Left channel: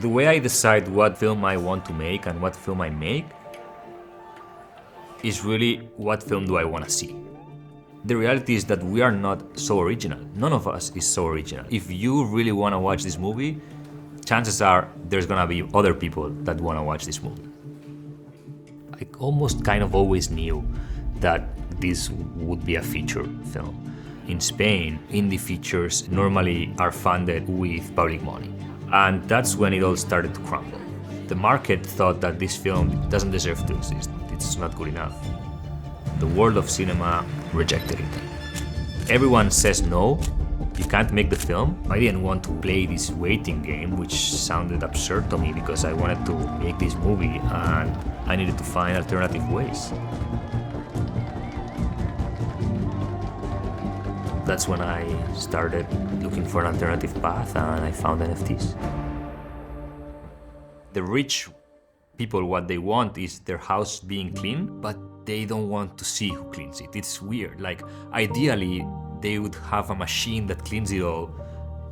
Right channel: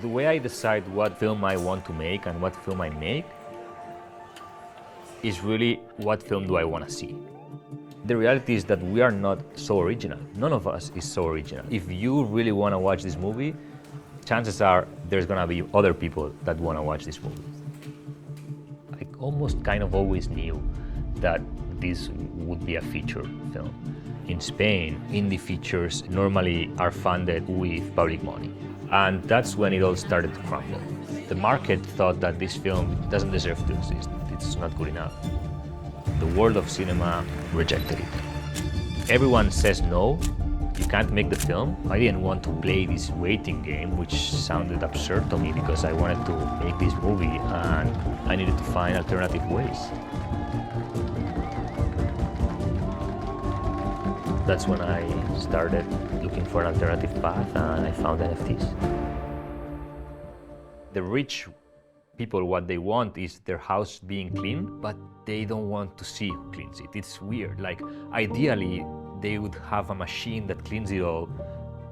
The way I decide what film I want to make and what film I make is really what film do I want to see. The reality is that we are not so original. None of us is so original. If you really want to watch this movie, chances are there's gonna be other people that want to watch this movie. I almost kind of always knew that this would be a feature film. In Spain, indie features normally are funded with public money. And that's when it all started to crumble. The market thought that this film doesn't deserve to exist. It's not good enough. The world of cinema rejected it. Everyone says no, you can't make the film. I didn't want to play this waiting game, which sounded absurd to me because I wanted to make this movie and I needed to find alternative ways. That's when I started looking for an alternative path and I found NFTs. The rich people, what they want is their house being clean, but they don't want to see who cleans it. It's weird. Like, ideally, they would have a machine that cleans it all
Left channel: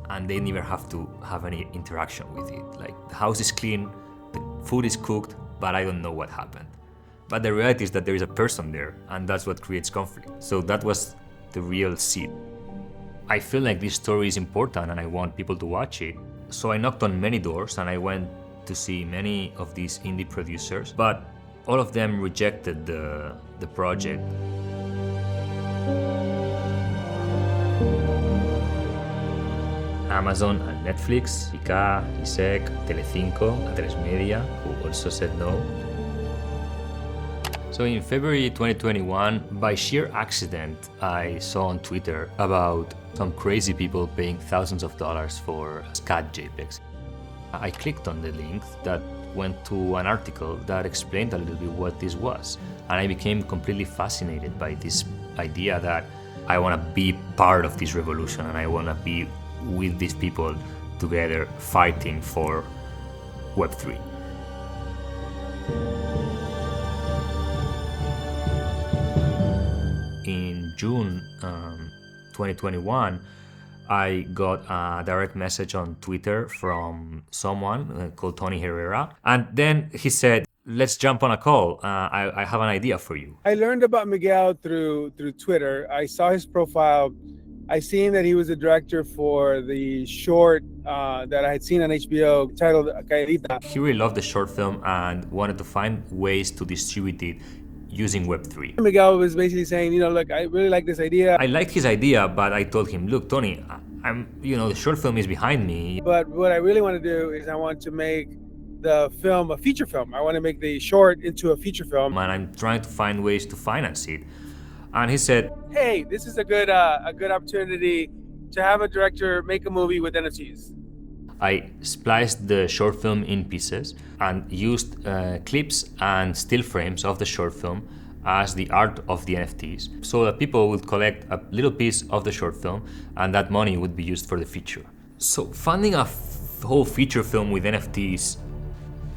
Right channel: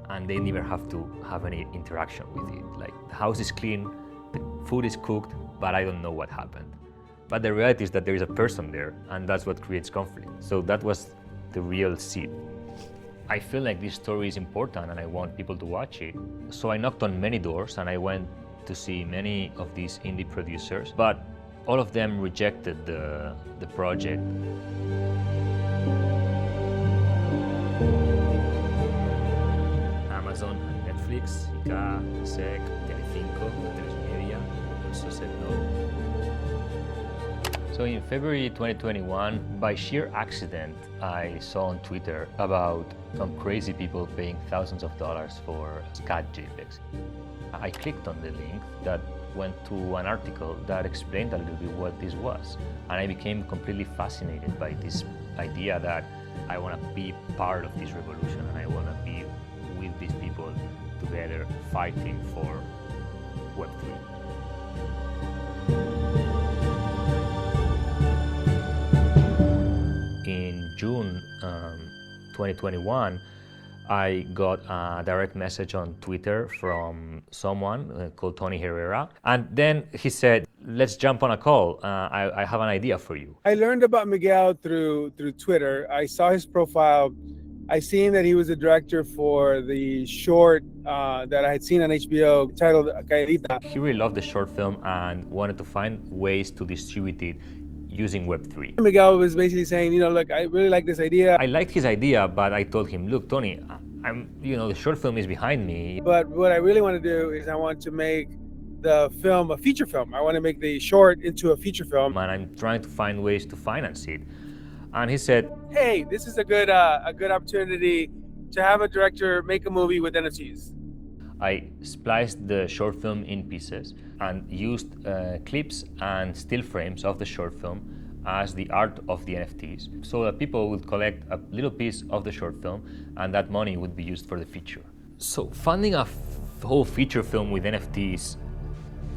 and they never have to have any interaction with it. Like, the house is clean, the food is cooked, but I don't know what happened. But the reality is that there is a person there and that's what creates conflict. So that was the real seed. I feel like this story is important and I want people to watch it. So I knocked on many doors and I went to see many of these indie producers, but all of them rejected the project. Amazon and Netflix, ICA, ISEC, Telecinco, A3 Media, who also said no. So in February 2021, by sheer accident, I saw on Twitter about some crazy people paying thousands of dollars for scat JPEGs. I clicked on the link that went to an article that explained a little bit what this was. And I became completely fascinated by this idea that I want to be part of this revolution and I want to be with these people together fighting for Web3. In June 2021, I got a direct message on Twitter from someone called Tony Herrera. And then he said, let's jump on a call. I have an idea for you. I learned about Miguel through Twitter. I saw his profile. I seen that he was a director for the short that I had seen on HBO titled Calladita. He really loved the short film and wanted to find ways to distribute it using Web3. Miguel was basically saying, look, I really like this idea. I liked his idea, but I told him, look, Tony, the short film is behind me. But what I really want to do is I want to make the film a feature film. I want to make the short into a feature film. And I'm trying to find ways to finance it. And he said, hey, this is a good opportunity to have a director make a movie with NFTs. I spliced the short film in pieces and used clips and still frames of the short film as the art of the NFTs, so that people would collect a little piece of the short film and that money would be used for the feature. So funding a whole feature film with NFTs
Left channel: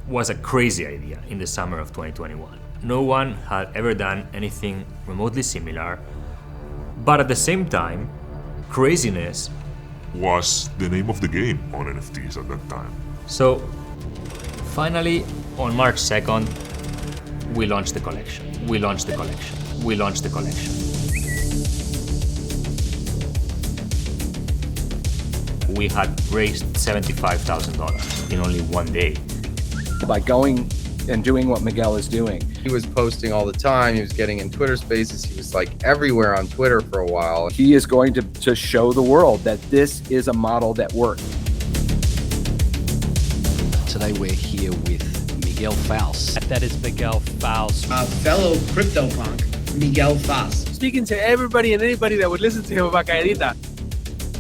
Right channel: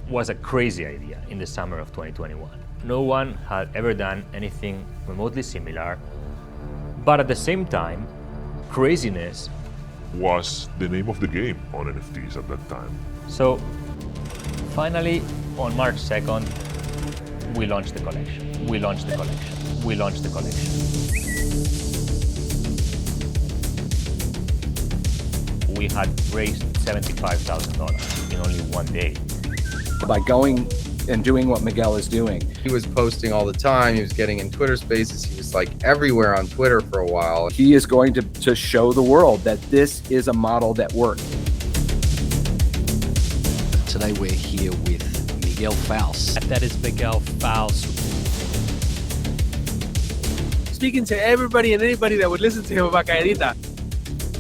was a crazy idea in the summer of 2021. No one had ever done anything remotely similar, but at the same time, craziness was the name of the game on NFTs at that time. So finally, on March 2nd, we launched the collection. We launched the collection. We had raised $75,000 in only one day. By going and doing what Miguel is doing. He was posting all the time. He was getting in Twitter spaces. He was like everywhere on Twitter for a while. He is going to show the world that this is a model that works. Today we're here with Miguel Faus. That is Miguel Faus. A fellow CryptoPunk, Miguel Faus. Speaking to everybody and anybody that would listen to him about Calladita.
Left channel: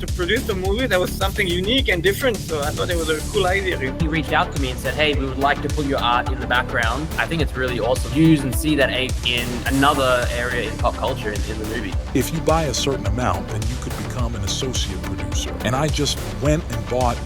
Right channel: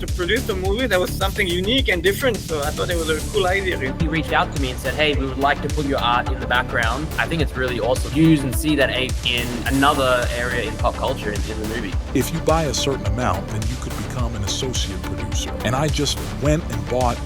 To produce the movie, that was something unique and different, so I thought it was a cool idea. He reached out to me and said, hey, we would like to put your art in the background. I think it's really awesome. Use and see that in another area in pop culture in the movie. If you buy a certain amount, then you could become an associate producer. And I just went and bought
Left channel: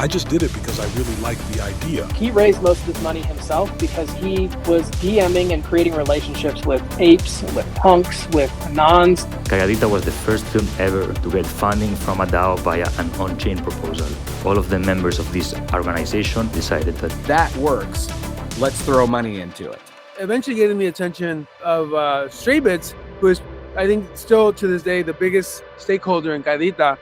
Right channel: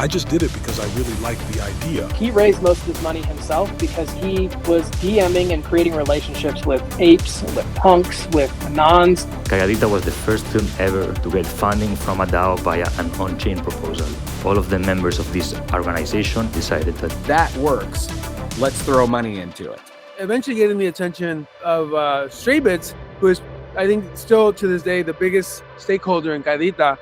I just did it because I really liked the idea. He raised most of his money himself because he was DMing and creating relationships with apes, with punks, with anons. Calladita was the first film ever to get funding from a DAO via an on-chain proposal. All of the members of this organization decided that works. Let's throw money into it. Eventually getting the attention of Stray Bits, who is, I think, still to this day, the biggest stakeholder in Calladita.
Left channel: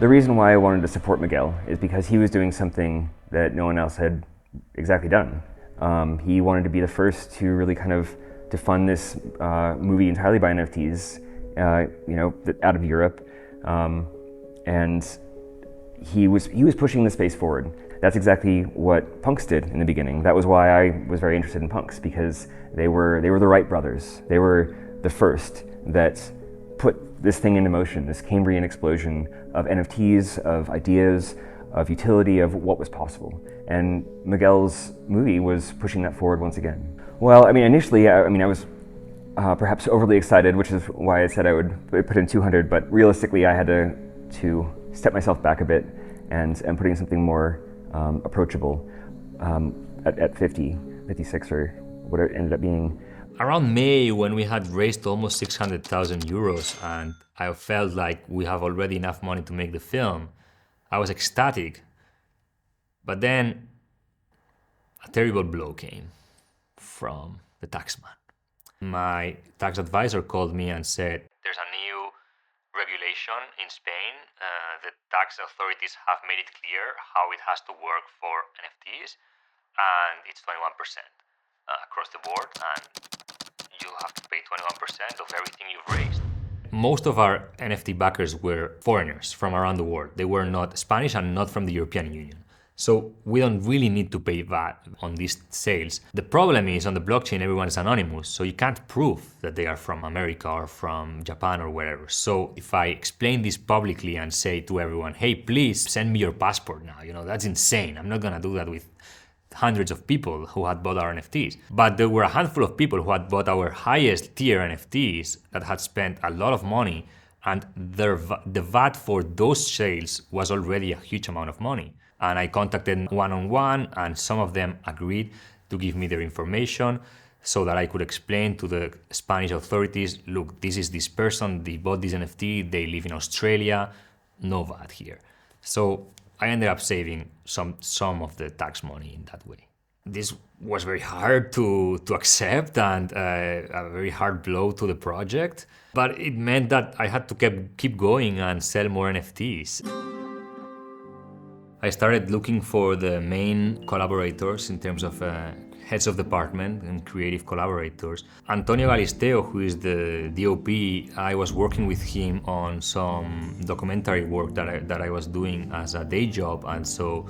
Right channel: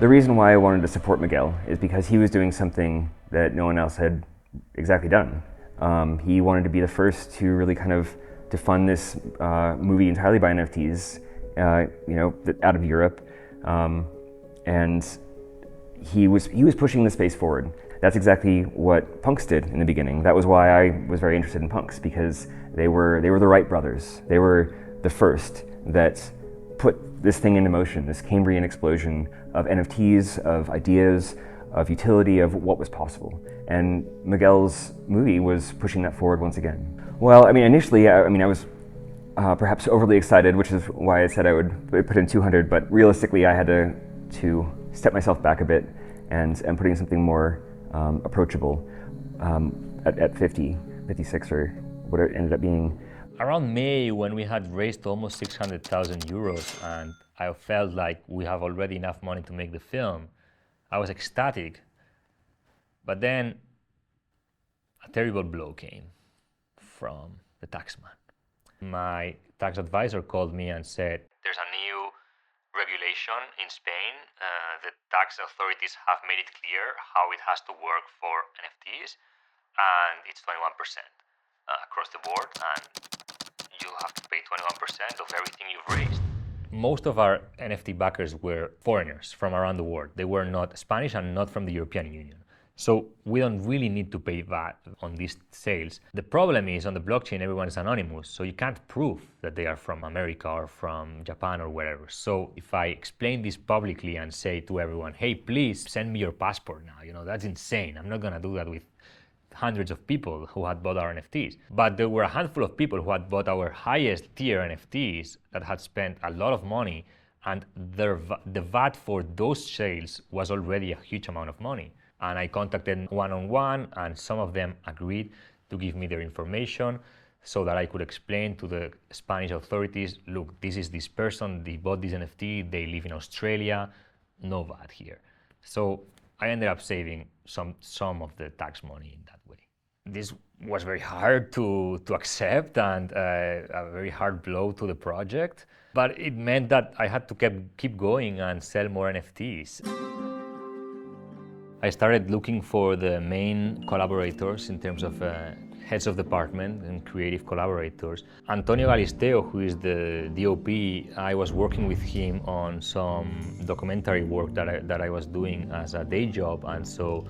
The reason why I wanted to support Miguel is because he was doing something that no one else had exactly done. He wanted to be the first to really kind of to fund this movie entirely by NFTs, out of Europe, and he was pushing the space forward. That's exactly what punks did in the beginning. That was why I was very interested in punks, because they were the Wright brothers. They were the first that put this thing into motion, this Cambrian explosion of NFTs, of ideas, of utility, of what was possible. And Miguel's movie was pushing that forward once again. Well, I mean, initially, I was perhaps overly excited, which is why I said I would put in 200, but realistically, I had to step myself back a bit and put in something more approachable at 50, 56, or what it ended up being. Around May, when we had raised almost 600,000 euros and I felt like we have already enough money to make the film, I was ecstatic. But then a terrible blow came from the taxman. My tax advisor called me and said, there's a new regulation in Spain. The tax authorities have made it clear how it has to work for NFTs, and it's 21% across the board, and you have to pay 21% of everything you've raised. Most of our NFT backers were foreigners from around the world. They were not Spanish and not from the European Union. So we don't really need to pay VAT on these sales. The problem is on the blockchain, everyone's anonymous, so you can't prove that they are from America or from Japan or wherever. So if I explain this publicly and say to everyone, hey, please send me your passport now, that's insane. I'm not gonna do that with hundreds of people who had bought our NFTs. But there were a handful of people who had bought our highest tier NFTs that had spent a lot of money, and the VAT for those sales was already a huge amount of money. And I contacted one-on-one, and some of them agreed to give me their information so that I could explain to the Spanish authorities, look, this is this person, they bought this NFT, they live in Australia, no VAT here. So I ended up saving some of the tax money in that way. This was very hard to accept and a very hard blow to the project, but it meant that I had to keep going and sell more NFTs. I started looking for the main collaborators in terms of heads of department and creative collaborators. Antonio Galisteo, who is the DOP, I was working with him on some documentary work that I was doing as a day job, and so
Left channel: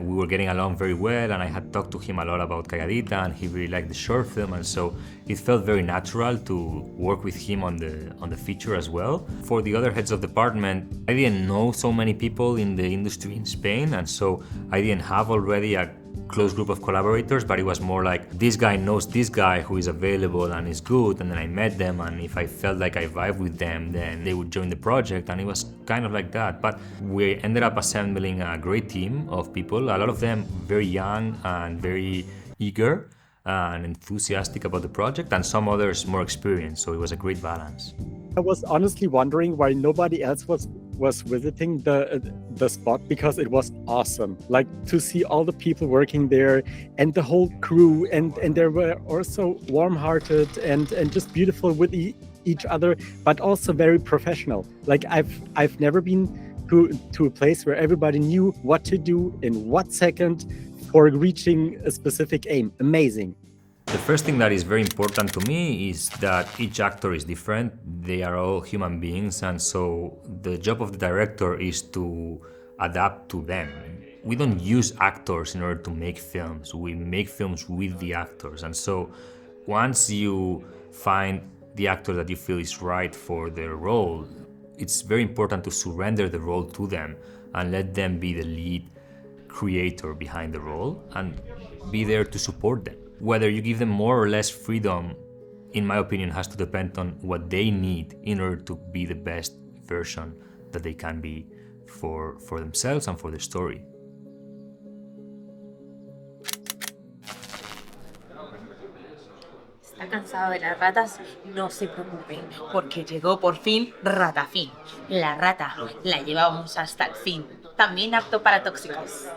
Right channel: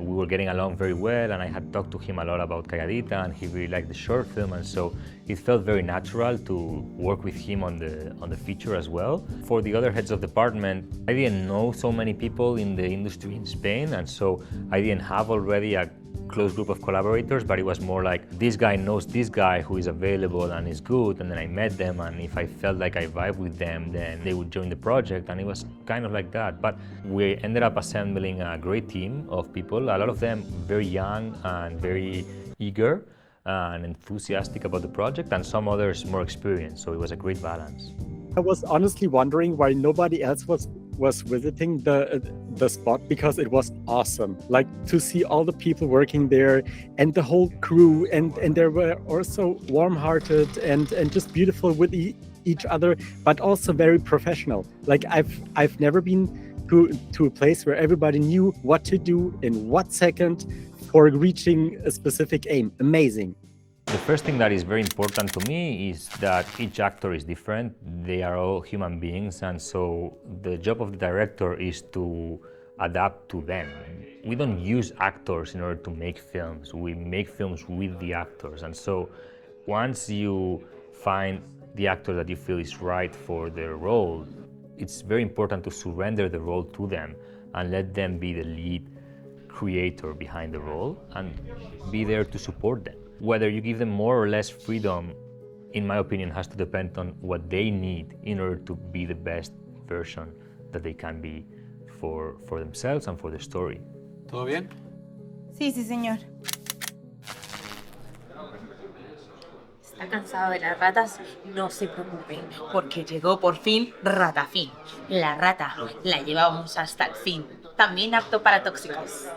we were getting along very well, and I had talked to him a lot about Calladita, and he really liked the short film, and so it felt very natural to work with him on the feature as well. For the other heads of department, I didn't know so many people in the industry in Spain, and so I didn't have already a close group of collaborators, but it was more like this guy knows this guy who is available and is good, and then I met them, and if I felt like I vibed with them, then they would join the project, and it was kind of like that. But we ended up assembling a great team of people, a lot of them very young and very eager and enthusiastic about the project, and some others more experienced, so it was a great balance. I was honestly wondering why nobody else was visiting the spot, because it was awesome. Like, to see all the people working there and the whole crew, and they were also warm-hearted and just beautiful with each other, but also very professional. Like, I've never been to a place where everybody knew what to do in what second for reaching a specific aim. Amazing. The first thing that is very important to me is that each actor is different. They are all human beings, and so the job of the director is to adapt to them. We don't use actors in order to make films. We make films with the actors, and so once you find the actor that you feel is right for their role, it's very important to surrender the role to them and let them be the lead creator behind the role and be there to support them. Whether you give them more or less freedom, in my opinion, has to depend on what they need in order to be the best version that they can be for themselves and for the story. ¿Todo bien? Sí, sí, señor. ¿Está cansado de las ratas? No se preocupe, porque llegó por fin Ratafin. La rata la llevamos hasta el fin, también apto para tóxicos.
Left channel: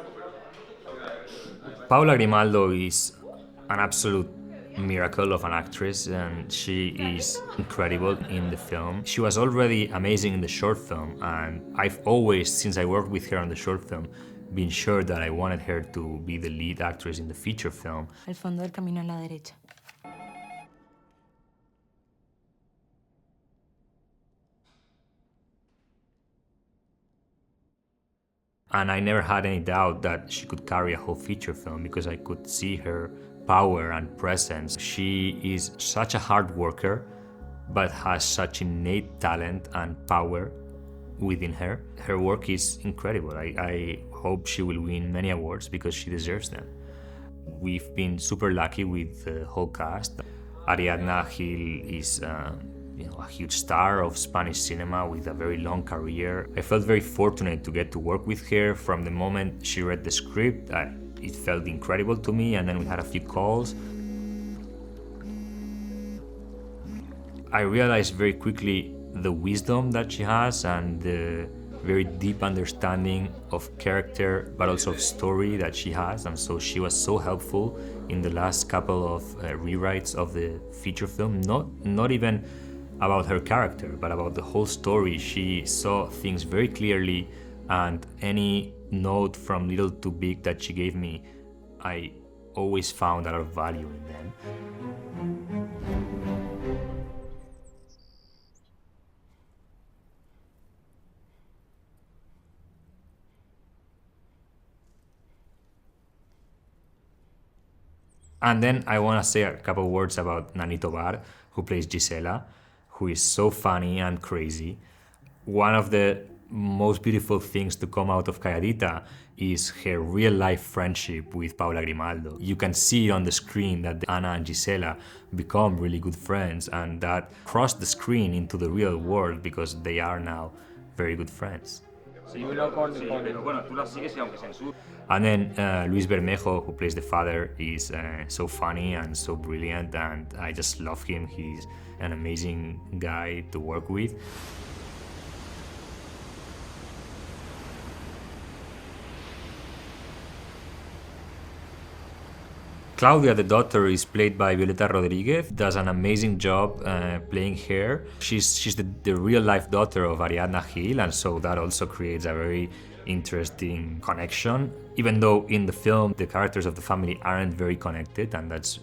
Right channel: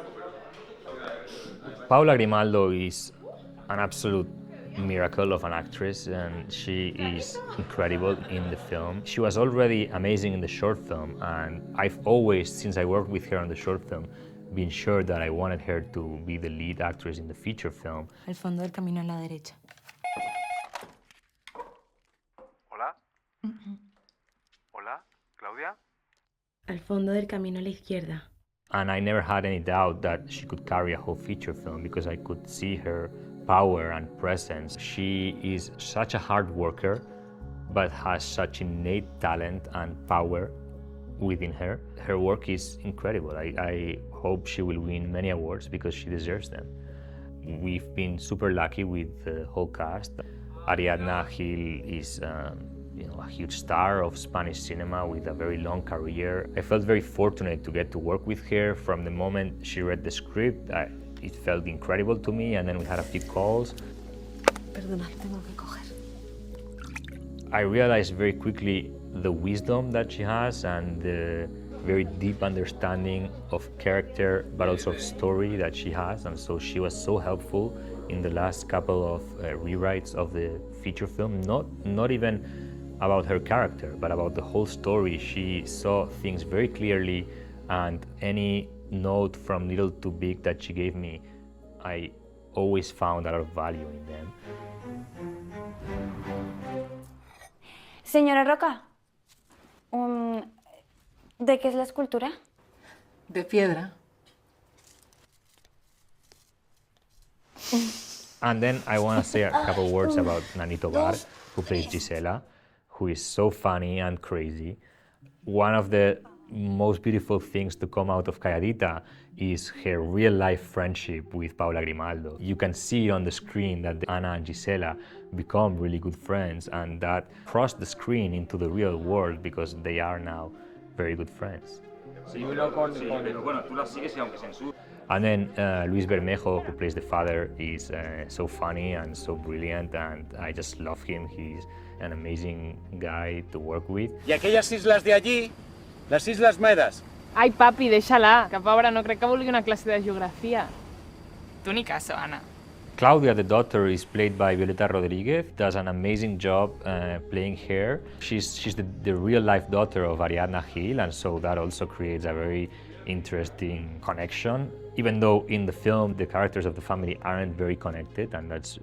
Paula Grimaldo is an absolute miracle of an actress, and she is incredible in the film. She was already amazing in the short film, and I've always, since I worked with her on the short film, been sure that I wanted her to be the lead actress in the feature film. Al fondo del camino a la derecha. Hola. Hola, Claudia. Al fondo del camino a la izquierda. And I never had any doubt that she could carry a whole feature film because I could see her power and presence. She is such a hard worker, but has such innate talent and power within her. Her work is incredible. I hope she will win many awards because she deserves them. We've been super lucky with the whole cast. Ariadna Gil is a huge star of Spanish cinema with a very long career. I felt very fortunate to get to work with her. From the moment she read the script, it felt incredible to me, and then we had a few calls. Perdona, tengo que coger. I realized very quickly the wisdom that she has and the very deep understanding of character, but also of story that she has, and so she was so helpful in the last couple of rewrites of the feature film. Not even about her character, but about the whole story. She saw things very clearly, and any note from little to big that she gave me, I always found a lot of value in them. Señora Roca, ¿de qué es la escultura? De piedra. And then I want to say a couple words about Nani Tobar, who plays Gisela, who is so funny and crazy. One of the most beautiful things to come out of Calladita is her real-life friendship with Paula Grimaldo. You can see on the screen that Ana and Gisela become really good friends, and that cross the screen into the real world because they are now very good friends. And then Luis Bermejo, who plays the father, is so funny and so brilliant, and I just love him. He's an amazing guy to work with. ¿Y aquellas islas de allí? Las Islas Medas. Ai, papi, deixa-la, que pobra no crec que vulgui una classe de geografia. Tu ni caso, Ana. Claudia, the daughter, is played by Violeta Rodriguez, does an amazing job playing her. She's the real-life daughter of Ariadna Gil, and so that also creates a very interesting connection, even though in the film the characters of the family aren't very connected, and that's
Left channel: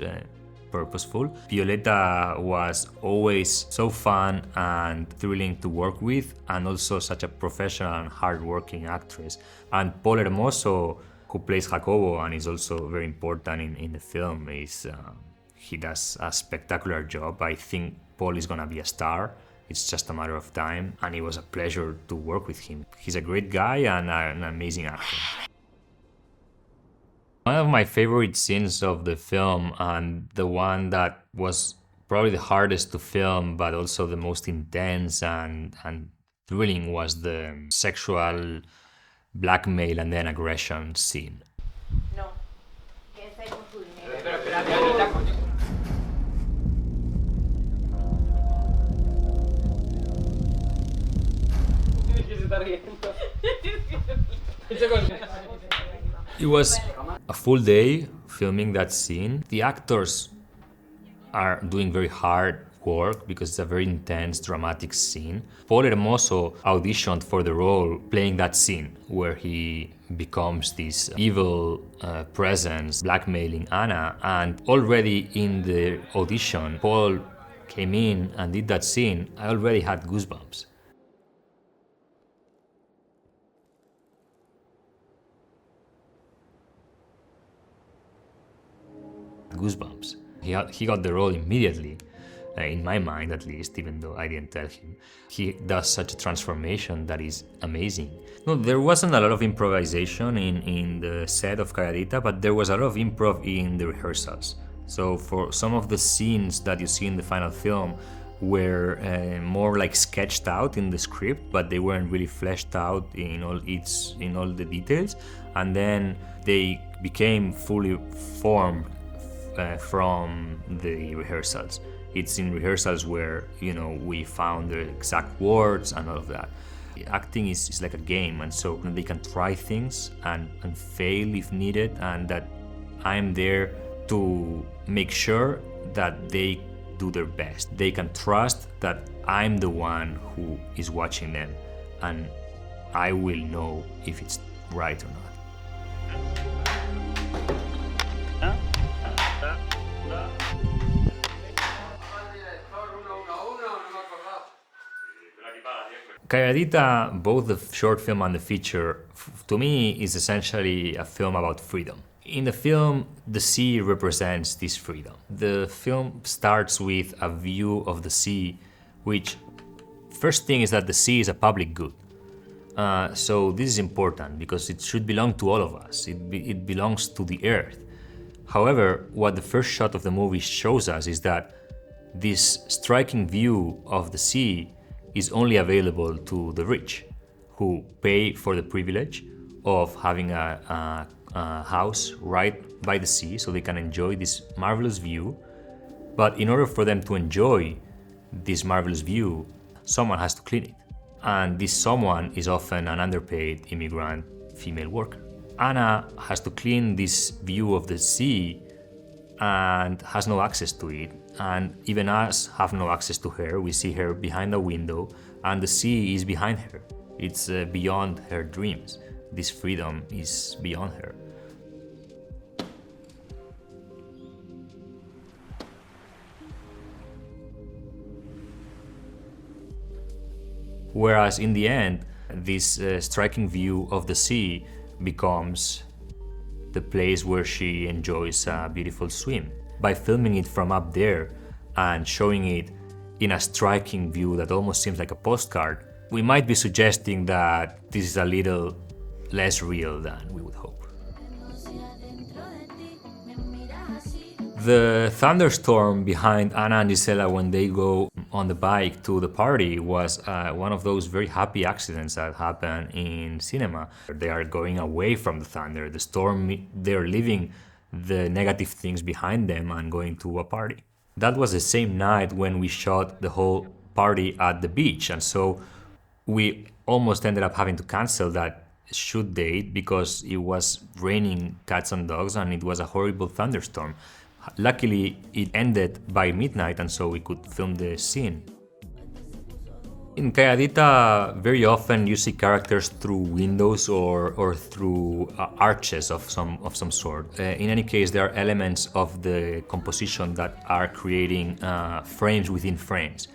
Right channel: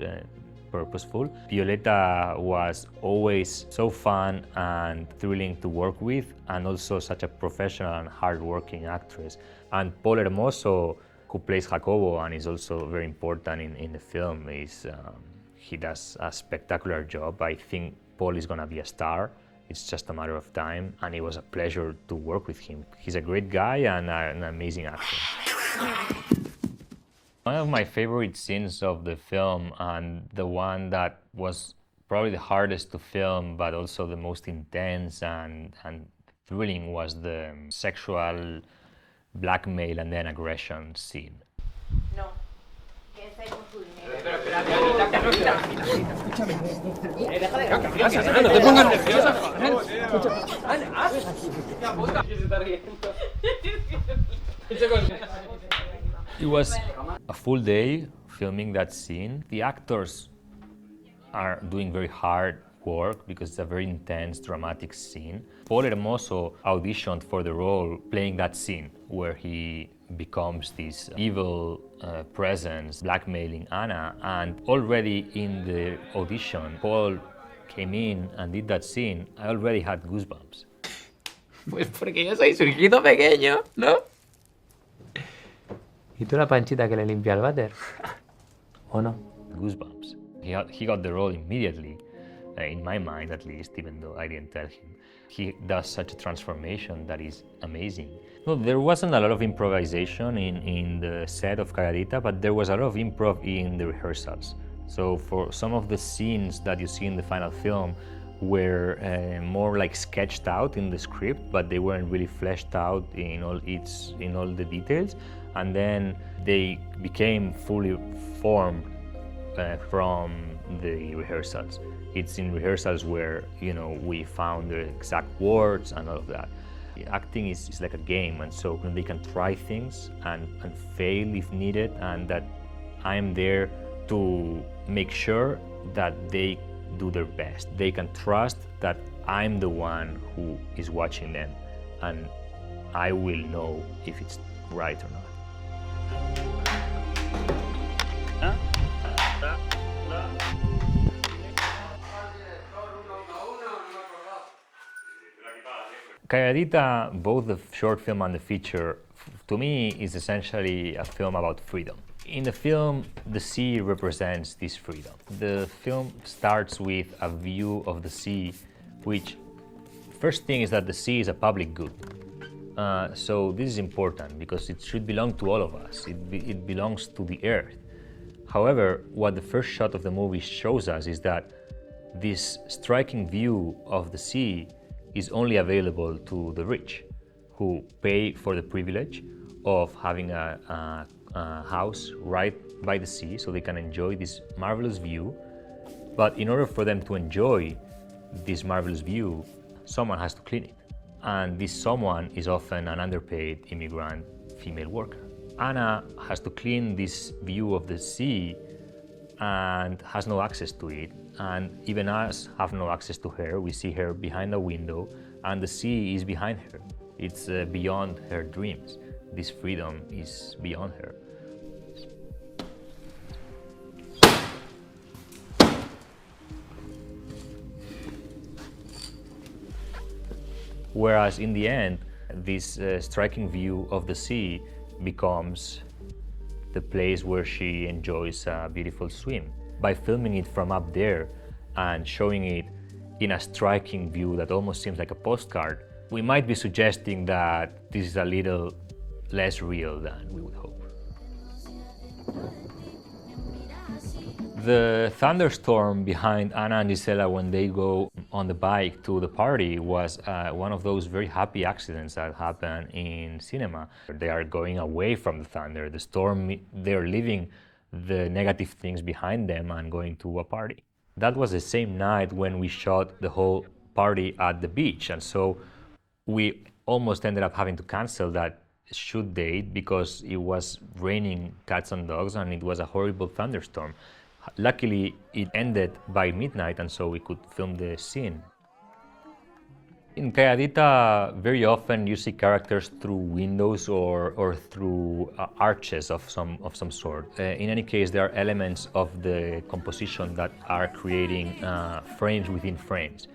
purposeful. Violeta was always so fun and thrilling to work with, and also such a professional and hard-working actress. And Paul Hermoso, who plays Jacobo and is also very important in the film, he does a spectacular job. I think Paul is gonna be a star. It's just a matter of time, and it was a pleasure to work with him. He's a great guy and an amazing actor. One of my favorite scenes of the film, and the one that was probably the hardest to film, but also the most intense and thrilling, was the sexual blackmail and then aggression scene. No. Que estáis con su dinero. No te pongas nerviosa. It was a full day filming that scene. The actors are doing very hard work because it's a very intense, dramatic scene. Paul Hermoso auditioned for the role playing that scene where he becomes this evil presence blackmailing Ana, and already in the audition, Paul came in and did that scene. I already had goosebumps. Pues porque yo soy su hijito pequeño, ¿no? ¿Y tú la panchita que le limpia el váter? ¿O no? Goosebumps. He got the role immediately, in my mind at least, even though I didn't tell him. He does such a transformation that is amazing. No, there wasn't a lot of improvisation in the set of Calladita, but there was a lot of improv in the rehearsals. So for some of the scenes that you see in the final film, were more like sketched out in the script, but they weren't really fleshed out in all the details. And then they became fully formed from the rehearsals. It's in rehearsals where we found the exact words and all of that. Acting is like a game, and so they can try things and fail if needed, and that I'm there to make sure that they do their best. They can trust that I'm the one who is watching them, and I will know if it's right or not. Calladita, both the short film and the feature, to me is essentially a film about freedom. In the film, the sea represents this freedom. The film starts with a view of the sea, which first thing is that the sea is a public good. So this is important because it should belong to all of us. It belongs to the earth. However, what the first shot of the movie shows us is that this striking view of the sea is only available to the rich, who pay for the privilege of having a house right by the sea so they can enjoy this marvelous view. But in order for them to enjoy this marvelous view, someone has to clean it. And this someone is often an underpaid immigrant female worker. Anna has to clean this view of the sea and has no access to it. And even us have no access to her. We see her behind a window, and the sea is behind her. It's beyond her dreams. This freedom is beyond her. Whereas in the end, this striking view of the sea becomes the place where she enjoys a beautiful swim. By filming it from up there and showing it in a striking view that almost seems like a postcard, we might be suggesting that this is a little less real than we would hope. The thunderstorm behind Anna and Gisela when they go on the bike to the party was one of those very happy accidents that happen in cinema. They are going away from the thunder, the storm, they're leaving the negative things behind them and going to a party. That was the same night when we shot the whole party at the beach, and so we almost ended up having to cancel that shoot date because it was raining cats and dogs and it was a horrible thunderstorm. Luckily, it ended by midnight, and so we could film the scene. In Calladita, very often you see characters through windows or through arches of some sort. In any case, there are elements of the composition that are creating frames within frames.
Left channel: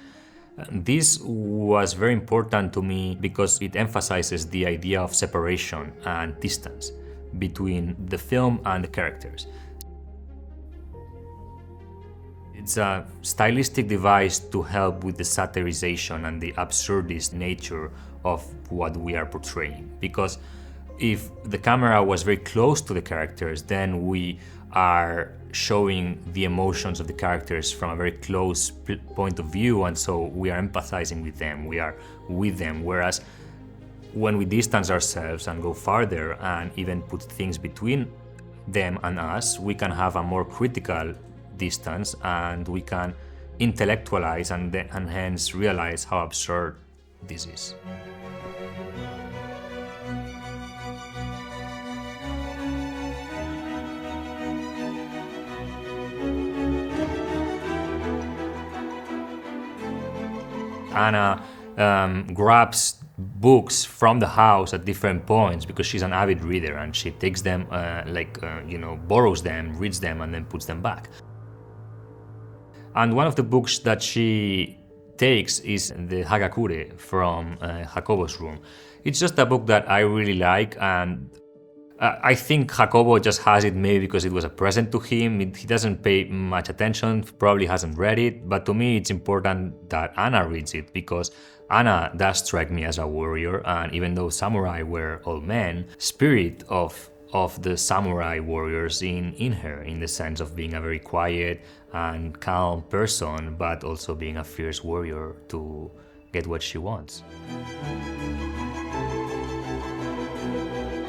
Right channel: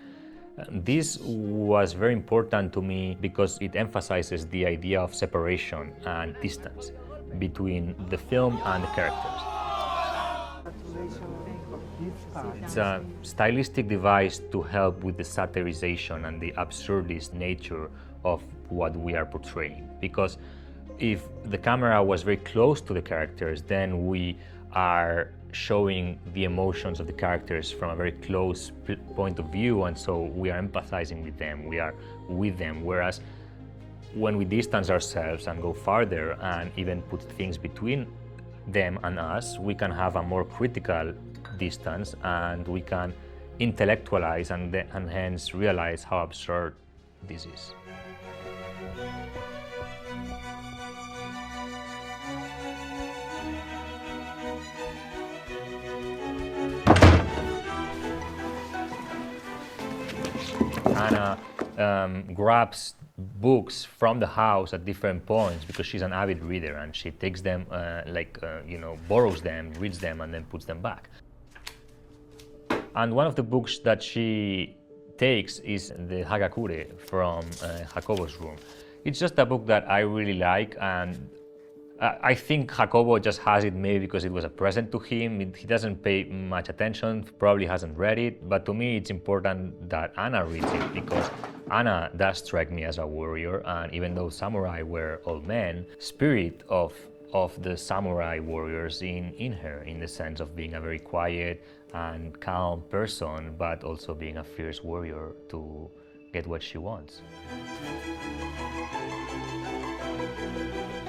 This was very important to me because it emphasizes the idea of separation and distance between the film and the characters. It's a stylistic device to help with the satirization and the absurdist nature of what we are portraying. Because if the camera was very close to the characters, then we are showing the emotions of the characters from a very close point of view, and so we are empathizing with them, we are with them. Whereas when we distance ourselves and go farther and even put things between them and us, we can have a more critical distance and we can intellectualize and hence realize how absurd this is. Anna grabs books from the house at different points because she's an avid reader, and she takes them, borrows them, reads them, and then puts them back. And one of the books that she takes is the Hagakure from Jacobo's room. It's just a book that I really like, and I think Jacobo just has it maybe because it was a present to him. He doesn't pay much attention, probably hasn't read it, but to me it's important that Anna reads it because Anna does strike me as a warrior, and even though samurai were all men, spirit of the samurai warriors in her, in the sense of being a very quiet and calm person, but also being a fierce warrior to get what she wants.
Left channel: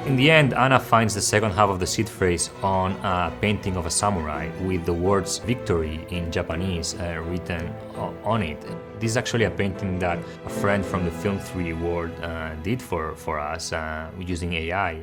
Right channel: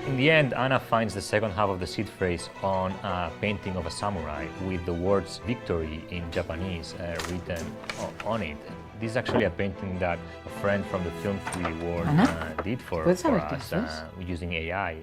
In the end, Anna finds the second half of the seed phrase on a painting of a samurai with the words victory in Japanese written on it. This is actually a painting that a friend from the Film 3 Award did for us using AI.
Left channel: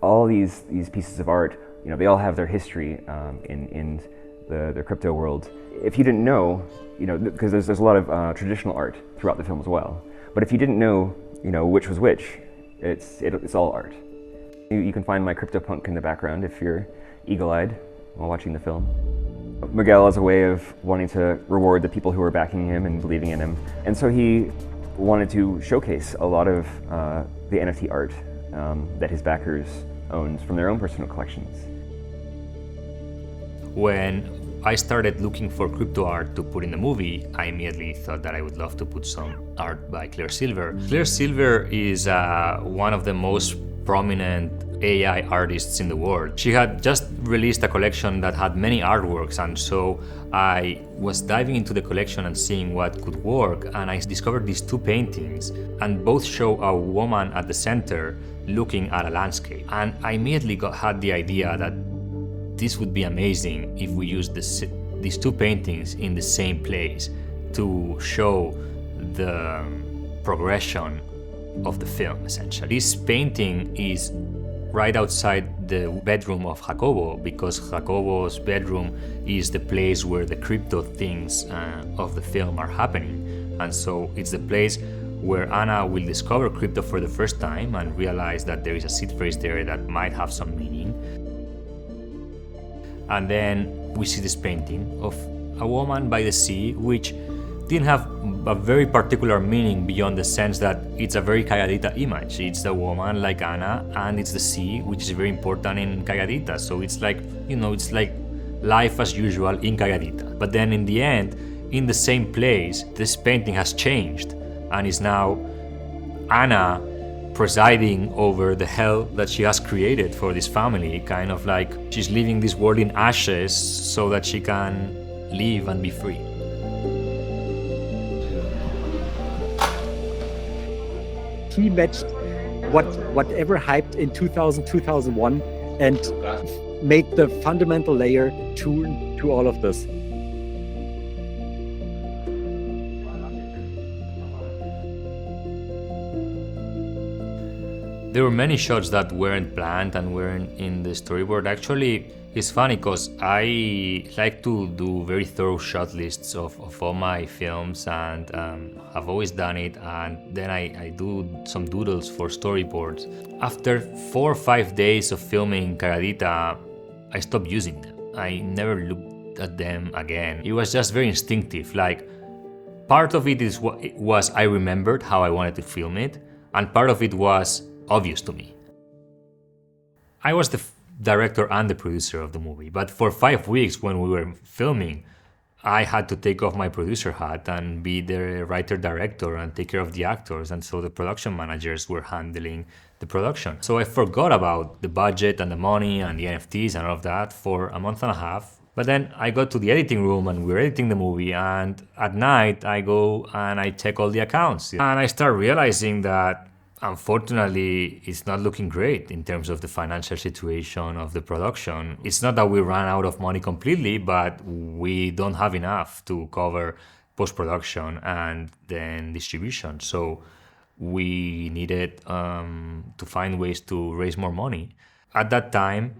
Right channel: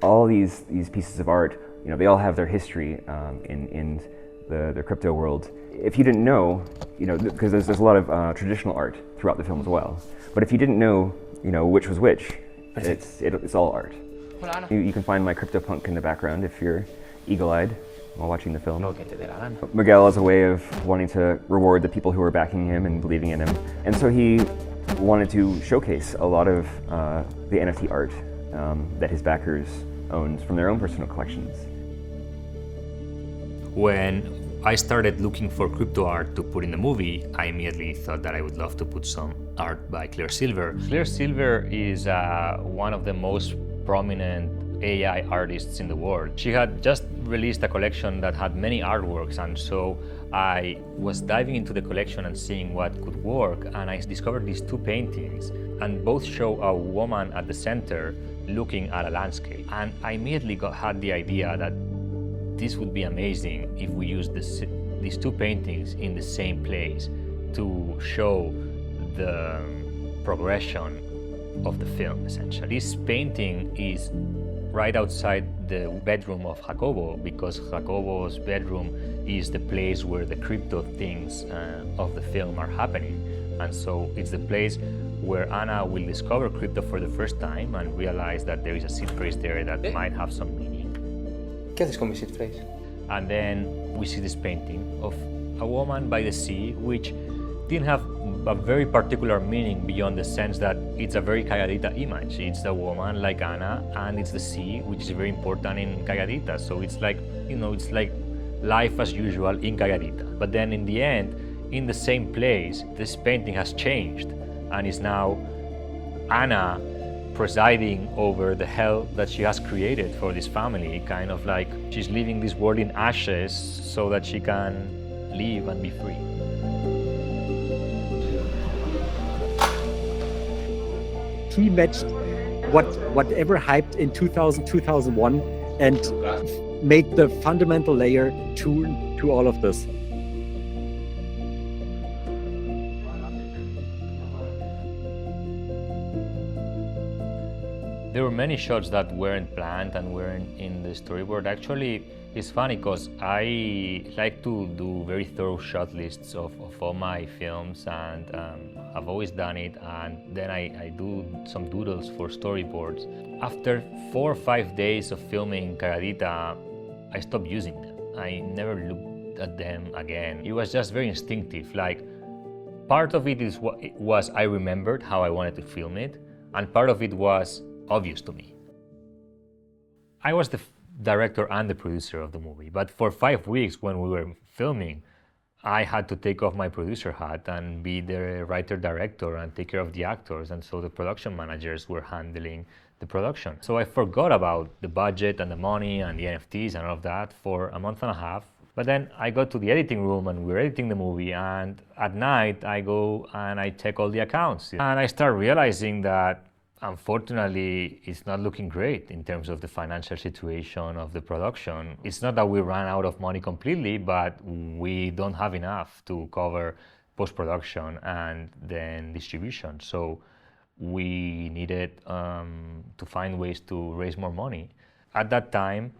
All these pieces of art, they all have their history in the crypto world. If you didn't know, because there's a lot of traditional art throughout the film as well. But if you didn't know, which was which, it's all art. You can find my CryptoPunk in the background if you're eagle-eyed while watching the film. Miguel has a way of wanting to reward the people who are backing him and believing in him. And so he wanted to showcase a lot of the NFT art that his backers owned from their own personal collections. When I started looking for crypto art to put in the movie, I immediately thought that I would love to put some art by Claire Silver. Claire Silver is one of the most prominent AI artists in the world. She had just released a collection that had many artworks, and so I was diving into the collection and seeing what could work, and I discovered these two paintings, and both show a woman at the center looking at a landscape. And I immediately had the idea that this would be amazing if we used these two paintings in the same place to show the progression of the film, essentially. This painting is right outside the bedroom of Jacobo, because Jacobo's bedroom is the place where the crypto things of the film are happening. And so it's the place where Anna will discover crypto for the first time and realize that there is a seed phrase there that might have some meaning. ¿Qué haces con mi seed phrase? And then we see this painting of a woman by the sea, which didn't have a very particular meaning beyond the sense that it's a very Calladita image. It's a woman like Anna, and it's the sea, which is very important in Calladita. So it's like, it's like life as usual in Calladita. But then in the end, in the same place, this painting has changed and is now Anna presiding over the hell that she has created for this family, kind of like she's leaving this world in ashes so that she can live and be free. He matched whatever hyped in 2000, 2001 and made the fundamental layer to all of this. There were many shots that weren't planned and weren't in the storyboard. Actually, it's funny because I like to do very thorough shot lists of all my films, and I've always done it, and then I do some doodles for storyboards. After 4 or 5 days of filming Calladita, I stopped using them. I never looked at them again. It was just very instinctive. Like, part of it was I remembered how I wanted to film it, and part of it was obvious to me. I was the director and the producer of the movie, but for 5 weeks when we were filming, I had to take off my producer hat and be the writer-director and take care of the actors, and so the production managers were handling the production. So I forgot about the budget and the money and the NFTs and all of that for a month and a half. But then I got to the editing room and we were editing the movie, and at night I go and I check all the accounts. And I start realizing that unfortunately, it's not looking great in terms of the financial situation of the production. It's not that we ran out of money completely, but we don't have enough to cover post-production and then distribution. So we needed to find ways to raise more money. At that time,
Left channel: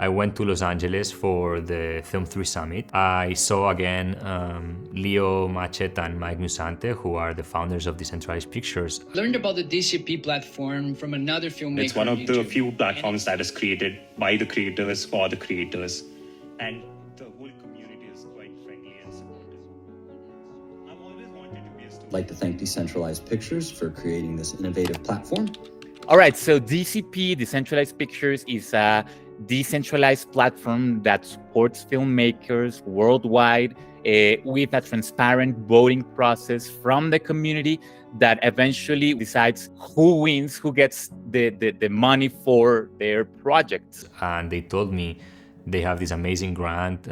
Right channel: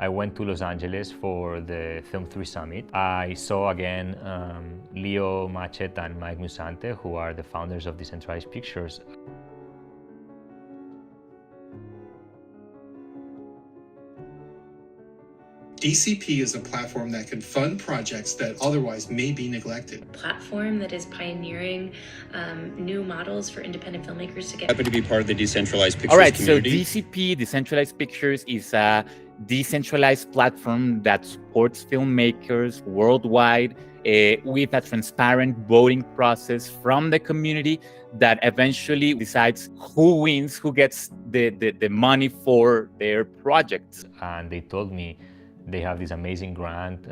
I went to Los Angeles for the Film 3 Summit. I saw again Leo Machet and Mike Musante, who are the founders of Decentralized Pictures. Learned about the DCP platform from another filmmaker. It's one of the few platforms that is created by the creators for the creators. DCP is a platform that can fund projects that otherwise may be neglected. A platform that is pioneering like to thank Decentralized Pictures for creating this. Happy to be part of the Decentralized Pictures. All right, community. so DCP, Decentralized Pictures, is a decentralized platform that supports filmmakers worldwide with a transparent voting process from the community that eventually decides who wins, who gets the money for their projects. And they told me they have this amazing grant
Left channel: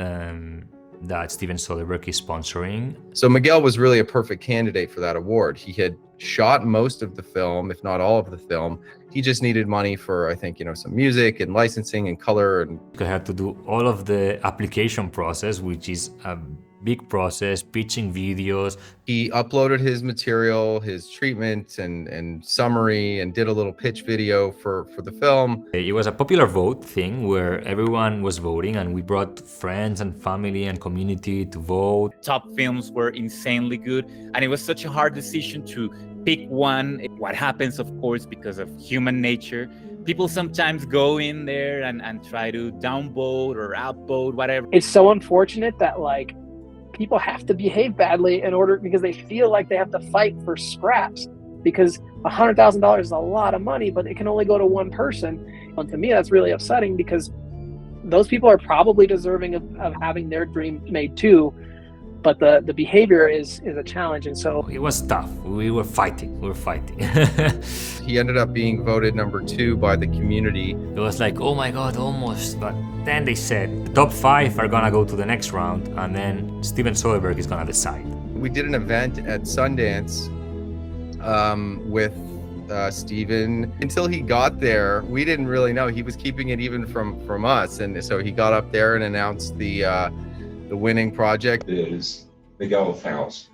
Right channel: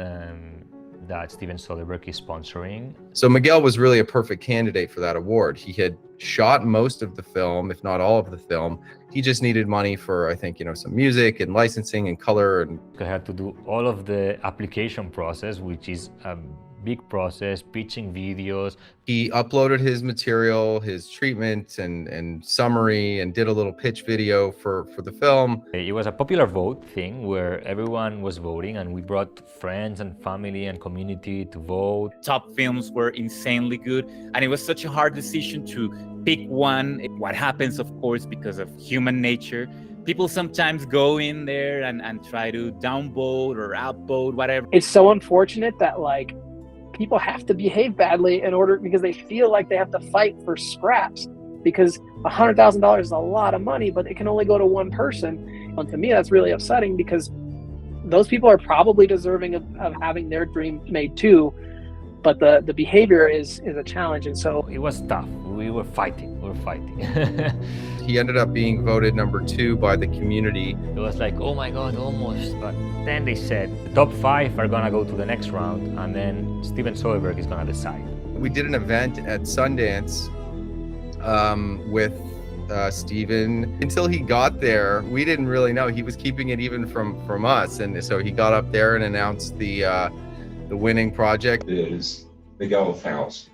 that Steven Soderbergh is sponsoring. So Miguel was really a perfect candidate for that award. He had shot most of the film, if not all of the film. He just needed money for, I think, some music and licensing and color. And I had to do all of the application process, which is a big process, pitching videos. He uploaded his material, his treatment and summary, and did a little pitch video for the film. It was a popular vote thing where everyone was voting, and we brought friends and family and community to vote. Top films were insanely good, and it was such a hard decision to pick one. What happens, of course, because of human nature, people sometimes go in there and try to downvote or outvote, whatever. It's so unfortunate that people have to behave badly because they feel like they have to fight for scraps, because $100,000 is a lot of money, but it can only go to one person. And to me, that's really upsetting, because those people are probably deserving of having their dream made too. But the behavior is a challenge, and so it was tough. We were fighting. He ended up being voted number 2 by the community. It was like, oh my God, almost. But then they said the top 5 are gonna go to the next round, and then Steven Soderbergh is gonna decide. We did an event at Sundance with Steven. Until he got there, we didn't really know. He was keeping it even from us, and so he got up there and announced the winning project is Miguel Faus.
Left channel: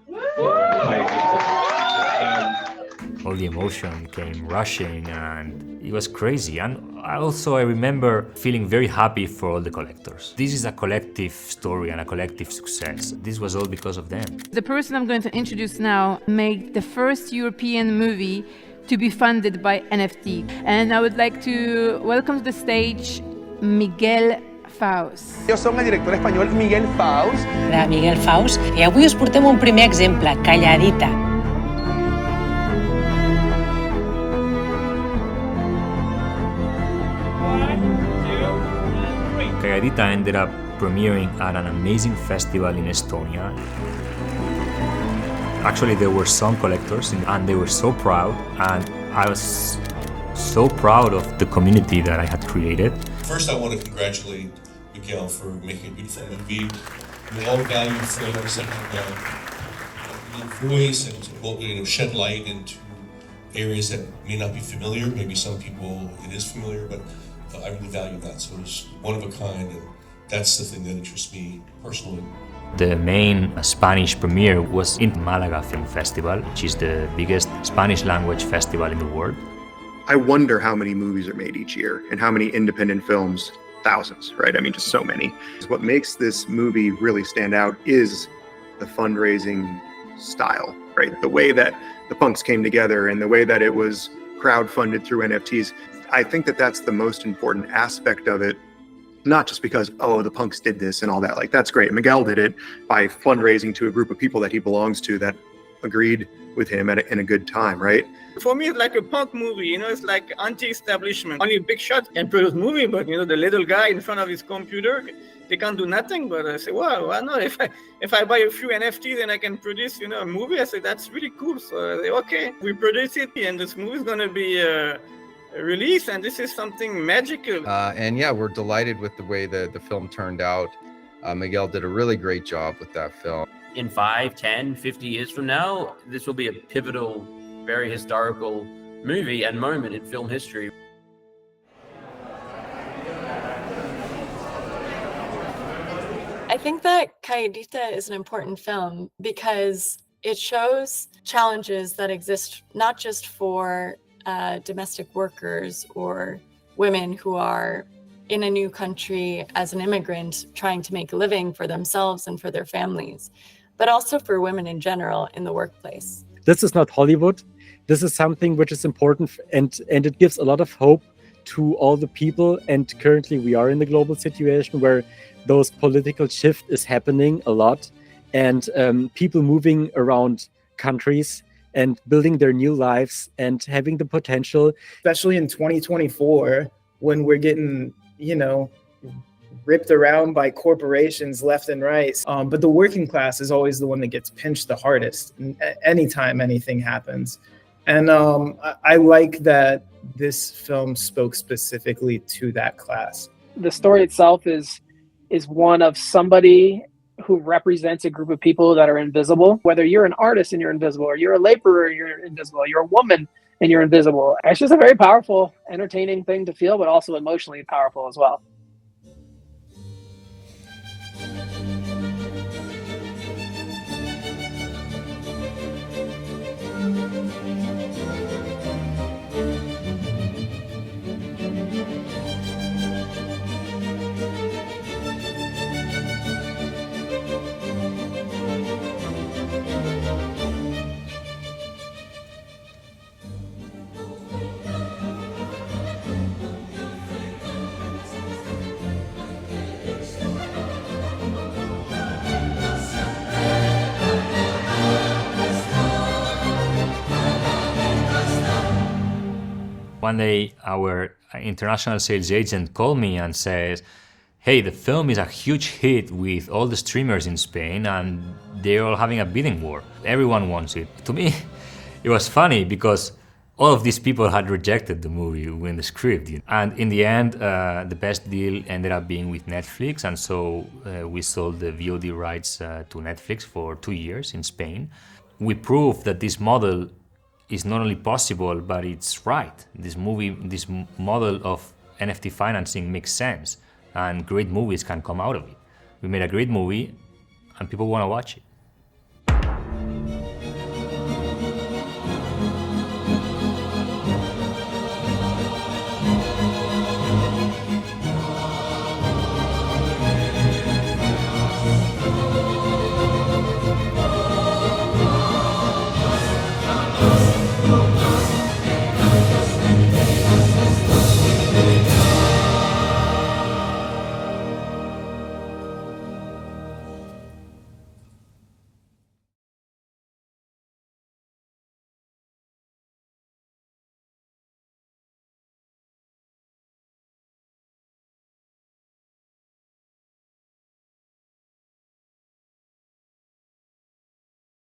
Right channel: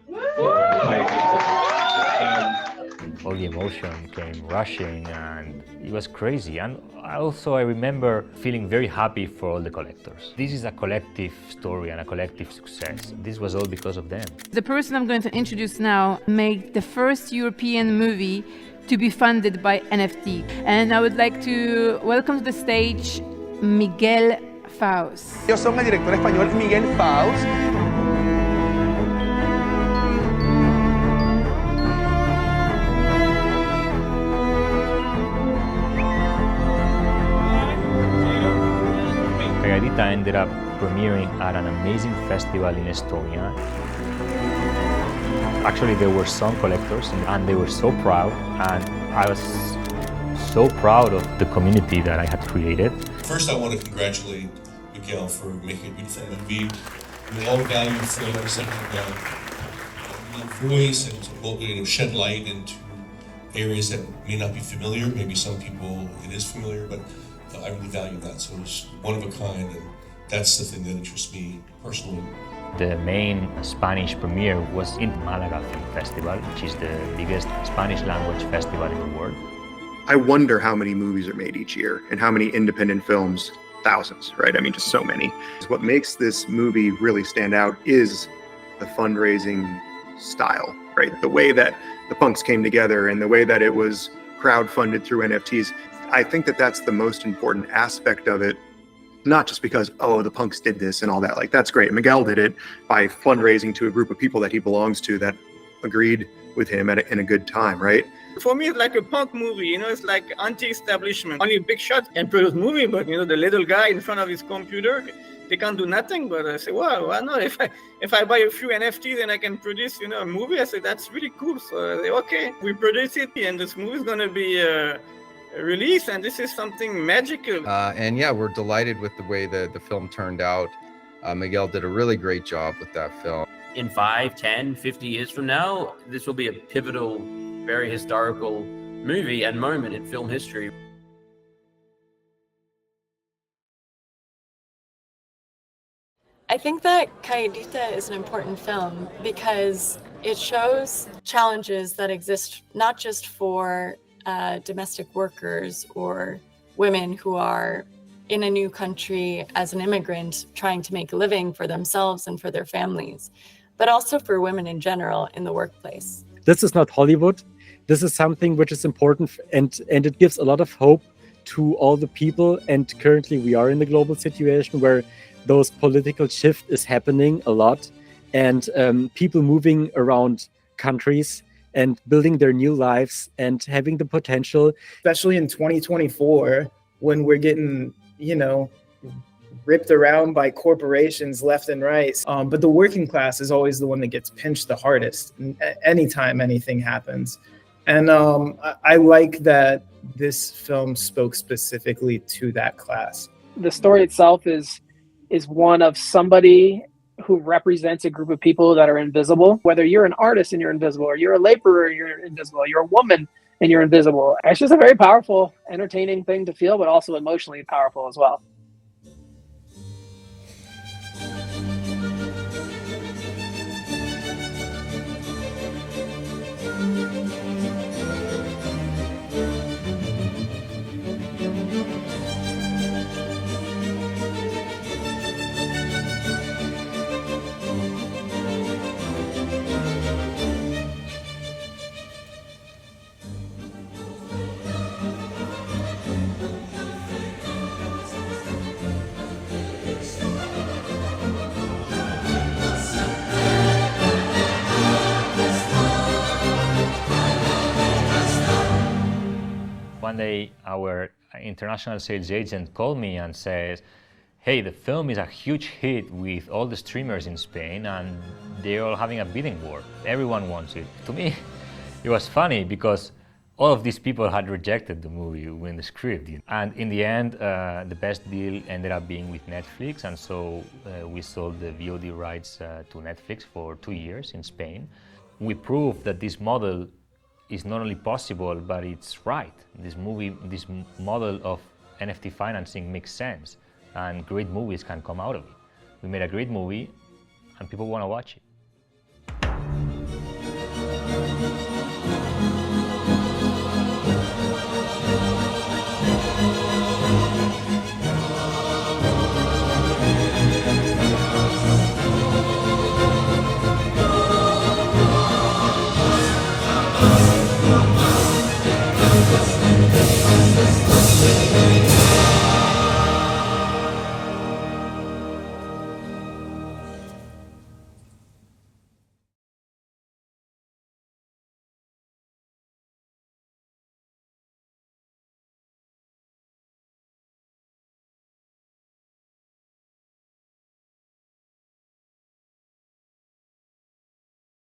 All the emotion came rushing, and it was crazy. And I remember feeling very happy for all the collectors. This is a collective story and a collective success. This was all because of them. The person I'm going to introduce now made the first European movie to be funded by NFT. And I would like to welcome to the stage Miguel Faus. Jo som el director espanyol Miguel Faus. Miguel Faus, i avui us portem un primer exemple, Calladita. Calladita ended up premiering at an amazing festival in Estonia. Actually, there were some collectors, and they were so proud, and I was so proud of the community that I had created. First, I want to congratulate Miguel for making a beautiful movie. We all value films that have voice and shed light into areas that may not be familiar. Maybe some people it is familiar, but I really value that. So it's one of a kind, and that's the thing that interests me personally. The main Spanish premiere was in Malaga Film Festival, which is the biggest Spanish language festival in the world. I wonder how many movies are made each year and how many independent films, thousands, right? I mean, just so many. What makes this movie really stand out is the fundraising style, right? The way that the punks came together and the way that it was crowdfunded through NFTs. I think that that's the most important aspect of it, not just because, oh, the punks did this and all that. Like, that's great. Miguel did it by fundraising to a group of people that he belongs to that agreed with him in a good time, right? For me, it's like a punk movie, it's like anti-establishment. Only big shot can produce movie, but the little guy in front of his computer, they can't do nothing. But I say, well, why not? If I buy a few NFTs and I can produce, a movie, I say, that's really cool. So I say, okay, we produce it, and this movie is going to be released, and this is something magical. And yeah, we're delighted with the way the film turned out. Miguel did a really great job with that film. In 5, 10, 50 years from now, this will be a pivotal, very historical movie and moment in film history. I think that Calladita is an important film because it shows challenges that exist not just for domestic workers or women who are in a new country as an immigrant trying to make a living for themselves and for their families, but also for women in general in the workplace. This is not Hollywood. This is something which is important, and it gives a lot of hope to all the people. And currently we are in the global situation where those political shift is happening a lot, and people moving around countries and building their new lives and having the potential. Especially in 2024, when we're getting, ripped around by corporations left and right. But the working class is always the one that gets pinched the hardest anytime anything happens. And I like that this film spoke specifically to that class. The story itself is one of somebody who represents a group of people that are invisible. Whether you're an artist and you're invisible, or you're a laborer and you're invisible, you're a woman and you're invisible. It's just a very powerful, entertaining thing to feel, but also emotionally powerful as well. One day, our international sales agent called me and says, hey, the film is a huge hit with all the streamers in Spain and they're all having a bidding war. Everyone wants it. To me, it was funny because all of these people had rejected the movie when the script. And in the end, the best deal ended up being with Netflix. And so we sold the VOD rights to Netflix for 2 years in Spain. We proved that this model is not only possible, but it's right. This model of NFT financing makes sense, and great movies can come out of it. We made a great movie, and people want to watch it.